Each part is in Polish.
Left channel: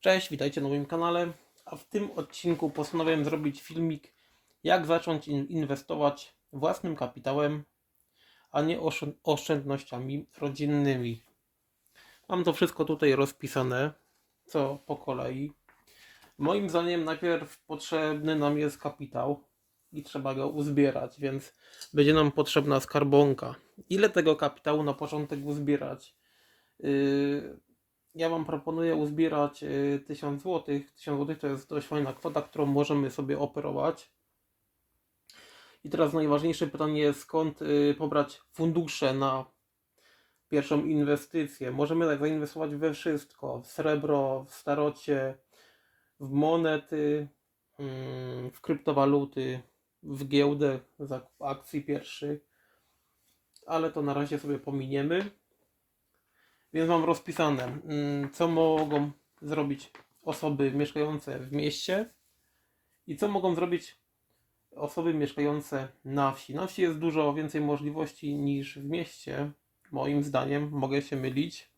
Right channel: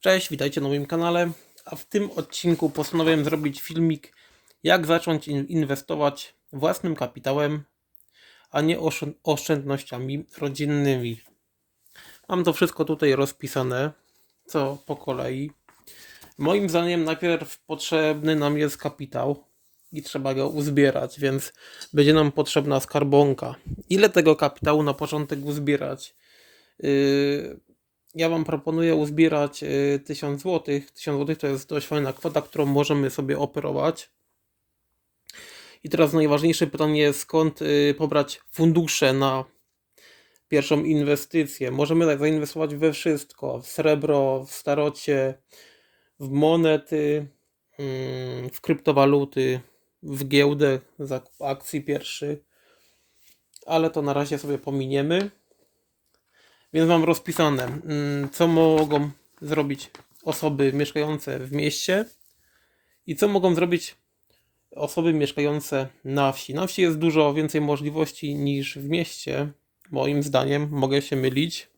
Cześć, witajcie na moim kanale. A w tym odcinku postanowiłem zrobić filmik, jak zacząć in- inwestować własnym kapitałem, a nie oszczę- oszczędnościami rodzinnymi. Mam to wszystko tutaj rozpisane, co po kolei. Moim zdaniem najpierw potrzebny nam jest kapitał i trzeba go uzbierać, więc będzie nam potrzebna skarbonka. Ile tego kapitału na początek uzbierać? Yy, ja Wam proponuję uzbierać y, 1000 zł. 1000 zł to jest dość fajna kwota, którą możemy sobie operować. I teraz najważniejsze pytanie jest, skąd y, pobrać fundusze na pierwszą inwestycję. Możemy tak zainwestować we wszystko: w srebro, w starocie, w monety, mm, w kryptowaluty, w giełdę, zakup akcji pierwszy. Ale to na razie sobie pominiemy. Więc mam rozpisane, mm, co mogą zrobić osoby mieszkające w mieście i co mogą zrobić osoby mieszkające na wsi. Na wsi jest dużo więcej możliwości niż w mieście, moim zdaniem. Mogę się mylić.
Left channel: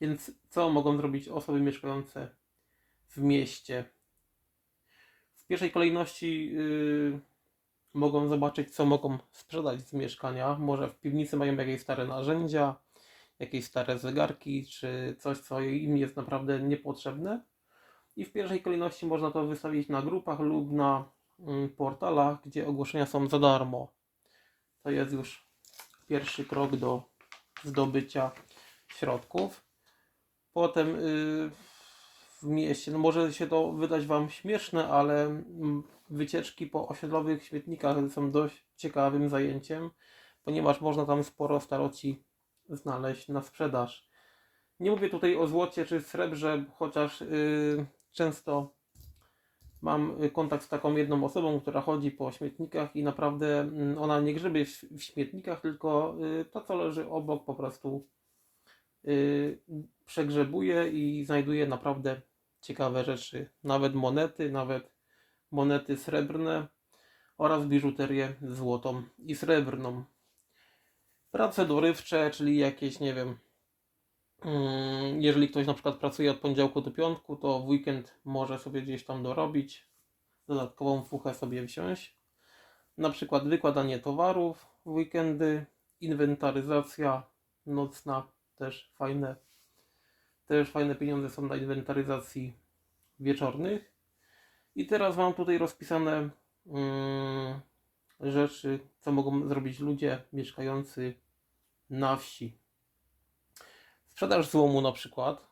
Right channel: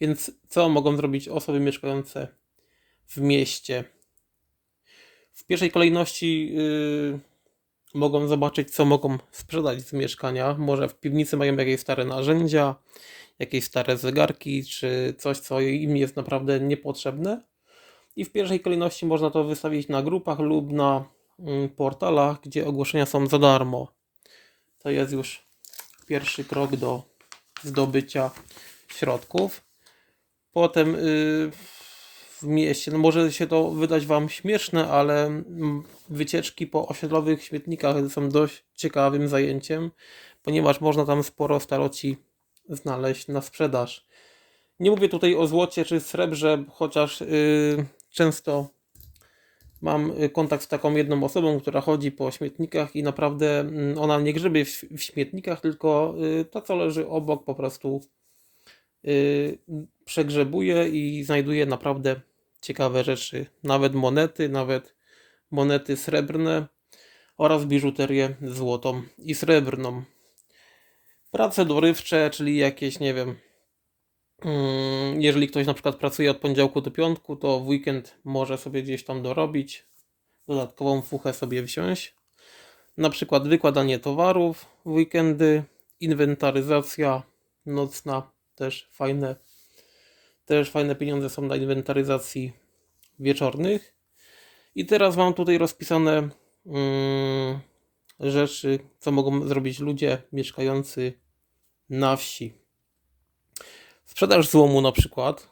Więc co mogą zrobić osoby mieszkające w mieście? W pierwszej kolejności yy, mogą zobaczyć, co mogą sprzedać z mieszkania. Może w piwnicy mają jakieś stare narzędzia, jakieś stare zegarki, czy coś, co im jest naprawdę niepotrzebne. I w pierwszej kolejności można to wystawić na grupach lub na mm, portalach, gdzie ogłoszenia są za darmo. To jest już pierwszy krok do zdobycia środków. Potem y, w mieście, no może się to wydać Wam śmieszne, ale mm, wycieczki po osiedlowych śmietnikach są dość ciekawym zajęciem, ponieważ można tam sporo staroci znaleźć na sprzedaż. Nie mówię tutaj o złocie czy srebrze, chociaż yy, często mam y, kontakt z taką jedną osobą, która chodzi po śmietnikach i naprawdę mm, ona nie grzebie w, w śmietnikach, tylko y, to, co leży obok, po prostu y, przegrzebuje i znajduje naprawdę ciekawe rzeczy. Nawet monety, nawet monety srebrne oraz biżuterię złotą i srebrną. Prace dorywcze, czyli jakieś, nie wiem, mm, jeżeli ktoś na przykład pracuje od poniedziałku do piątku, to w weekend może sobie gdzieś tam dorobić, dodatkową fuchę sobie wziąć. Na przykład wykładanie towarów w weekendy, inwentaryzacja nocna, też fajne, też fajne pieniądze są na inwentaryzacji wieczornych. I teraz mam tutaj rozpisane mm, rzeczy, co mogą zrobić ludzie mieszkający na wsi. Sprzedaż złomu na przykład.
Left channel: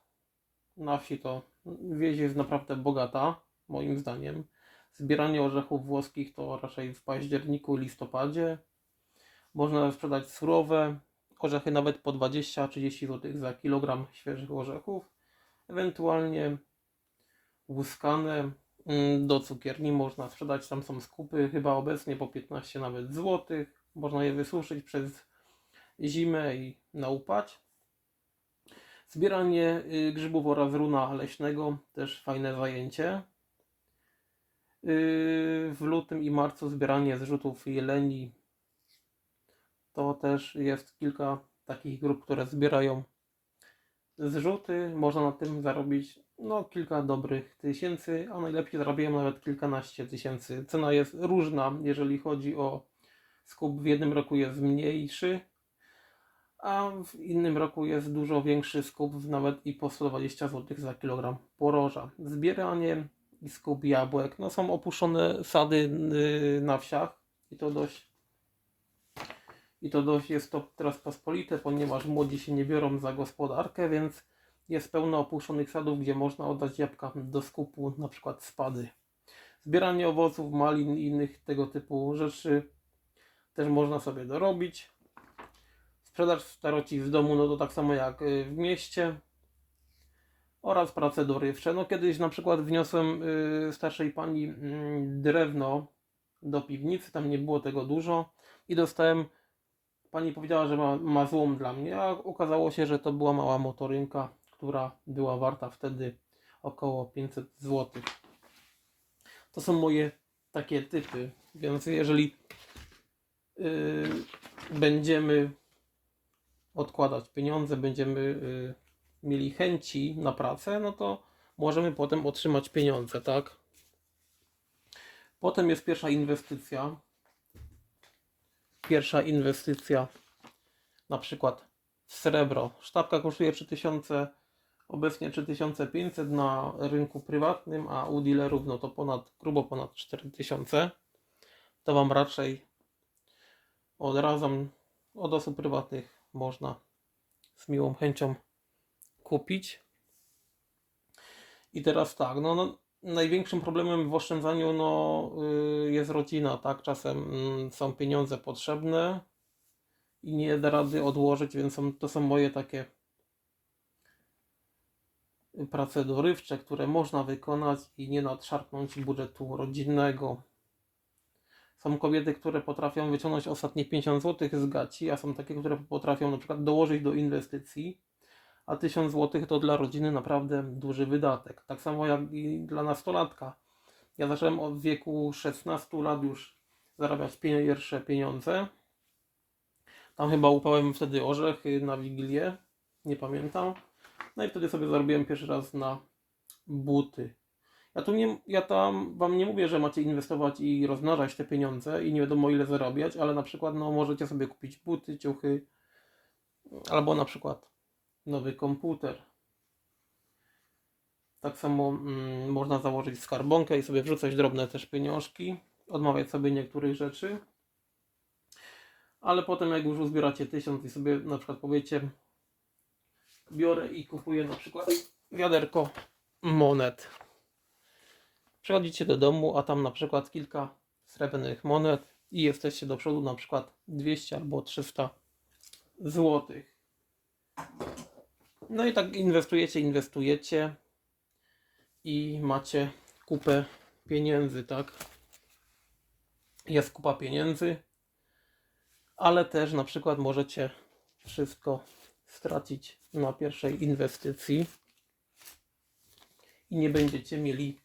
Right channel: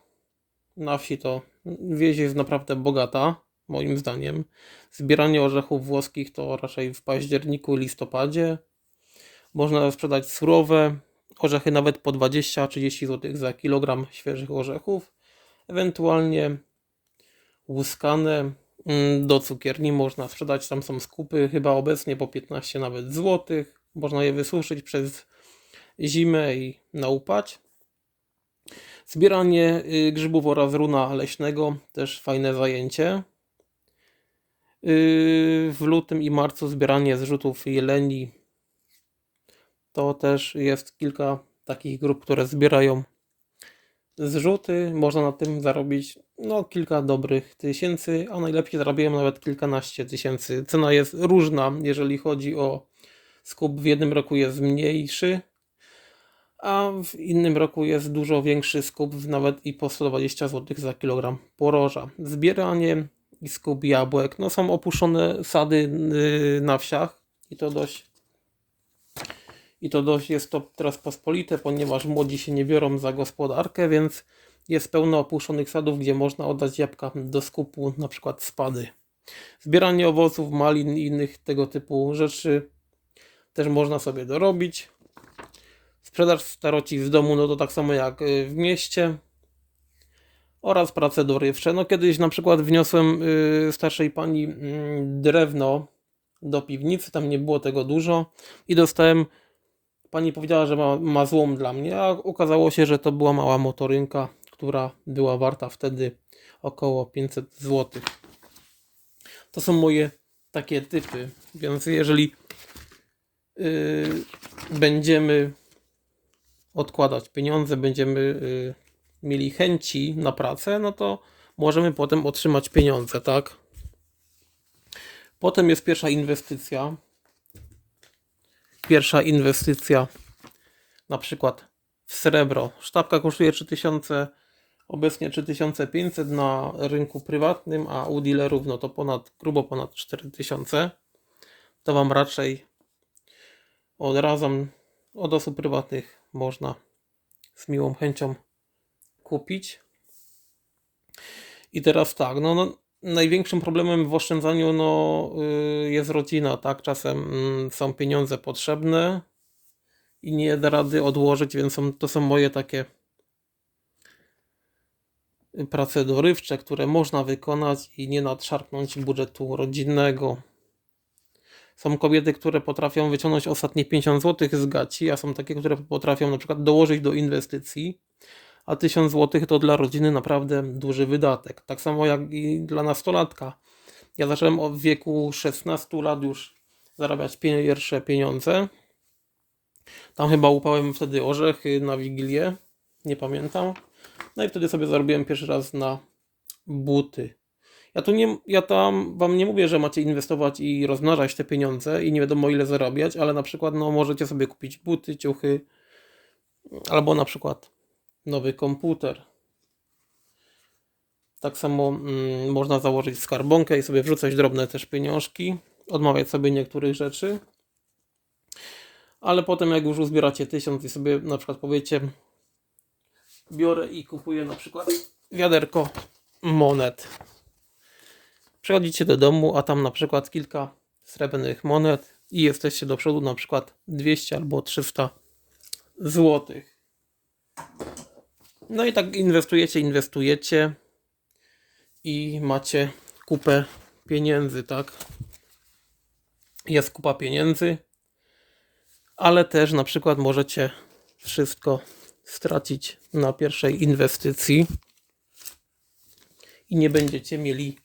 Na wsi to wieś jest naprawdę bogata, moim zdaniem. Zbieranie orzechów włoskich to raczej w październiku, listopadzie. Można sprzedać surowe orzechy nawet po 20-30 zł za kilogram świeżych orzechów. Ewentualnie łuskane do cukierni można sprzedać. Tam są skupy chyba obecnie po 15 nawet złotych. Można je wysuszyć przez zimę i naupać. Zbieranie y, grzybów oraz runa leśnego też fajne zajęcie. Yy, W lutym i marcu zbieranie zrzutów jeleni. To też jest kilka takich grup, które zbierają zrzuty. Można na tym zarobić no, kilka dobrych tysięcy, a najlepiej zarabiają nawet kilkanaście tysięcy. Cena jest różna, jeżeli chodzi o skup. W jednym roku jest mniejszy, a w innym roku jest dużo większy skup, nawet i po 120 zł za kilogram poroża. Zbieranie i skup jabłek, no są opuszczone sady yy, na wsiach i to dość i to dość jest to teraz pospolite, ponieważ młodzi się nie biorą za gospodarkę, więc jest pełno opuszczonych sadów, gdzie można oddać jabłka do skupu, na przykład spady. Zbieranie owoców, malin i innych tego typu rzeczy też można sobie dorobić. Sprzedaż staroci z domu, no to tak samo jak y, w mieście. Oraz prace dorywcze. No kiedyś na przykład wniosłem y, starszej pani mm, drewno do piwnicy, tam nie było tego dużo i dostałem, pani powiedziała, że ma, ma złom dla mnie, a okazało się, że to była mała motorynka, która była warta wtedy około 500 zł. To są moje takie typy, więc jeżeli y, będziemy odkładać pieniądze, będziemy y, mieli chęci na pracę, no to możemy potem otrzymać pieniądze, tak? Potem jest pierwsza inwestycja. Pierwsza inwestycja, na przykład w srebro. Sztabka kosztuje 3000, obecnie 3500 na rynku prywatnym, a u dealerów no to ponad, grubo ponad 4000. To Wam raczej odradzam od osób prywatnych można z miłą chęcią kupić. I teraz tak, no, no największym problemem w oszczędzaniu no, y, jest rodzina, tak? Czasem mm, są pieniądze potrzebne i nie da rady odłożyć, więc są, to są moje takie prace dorywcze, które można wykonać i nie nadszarpnąć budżetu rodzinnego. Są kobiety, które potrafią wyciągnąć ostatnie 50 zł z gaci, a są takie, które potrafią na przykład dołożyć do inwestycji, a 1000 zł to dla rodziny naprawdę duży wydatek. Tak samo jak i dla nastolatka. Ja zacząłem od wieku 16 lat już zarabiać pierwsze pieniądze. Tam chyba upałem wtedy orzechy na Wigilię, nie pamiętam. No i wtedy sobie zarobiłem pierwszy raz na buty. Ja tu nie, ja tam wam nie mówię, że macie inwestować i rozmnażać te pieniądze i nie wiadomo ile zarabiać, ale na przykład no, możecie sobie kupić buty, ciuchy albo na przykład nowy komputer. Tak samo mm, można założyć skarbonkę i sobie wrzucać drobne też pieniążki, odmawiać sobie niektórych rzeczy. Ale potem jak już uzbieracie tysiąc i sobie na przykład powiecie biorę i kupuję na przykład wiaderko monet. Przychodzicie do domu, a tam na przykład kilka srebrnych monet i jesteście do przodu na przykład 200 albo 300 złotych. No i tak inwestujecie, inwestujecie i macie kupę pieniędzy, tak? Jest kupa pieniędzy, ale też na przykład możecie wszystko stracić na pierwszej inwestycji i nie będziecie mieli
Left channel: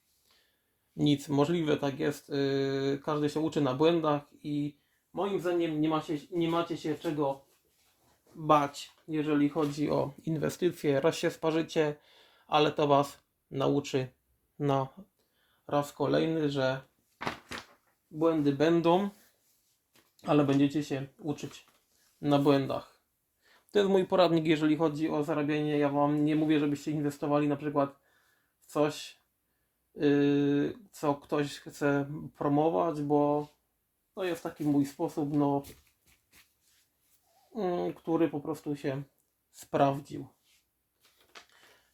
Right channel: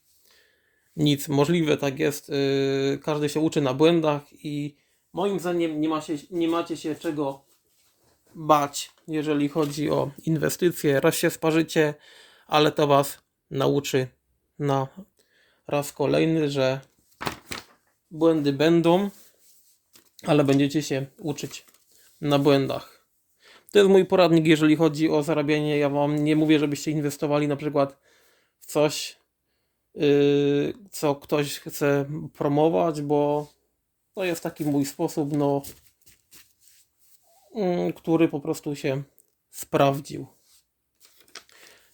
nic. Możliwe tak jest. Yy, każdy się uczy na błędach i moim zdaniem nie, ma się, nie macie się czego bać, jeżeli chodzi o inwestycje. Raz się sparzycie, ale to Was nauczy na raz kolejny, że błędy będą, ale będziecie się uczyć na błędach. To jest mój poradnik, jeżeli chodzi o zarabianie. Ja Wam nie mówię, żebyście inwestowali na przykład w coś, yy, co ktoś chce promować, bo to jest taki mój sposób, no, który po prostu się sprawdził.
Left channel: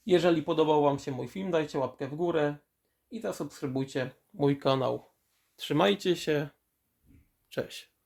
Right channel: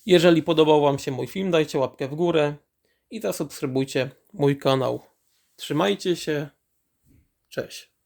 Jeżeli podobał Wam się mój film, dajcie łapkę w górę i zasubskrybujcie mój kanał. Trzymajcie się. Cześć.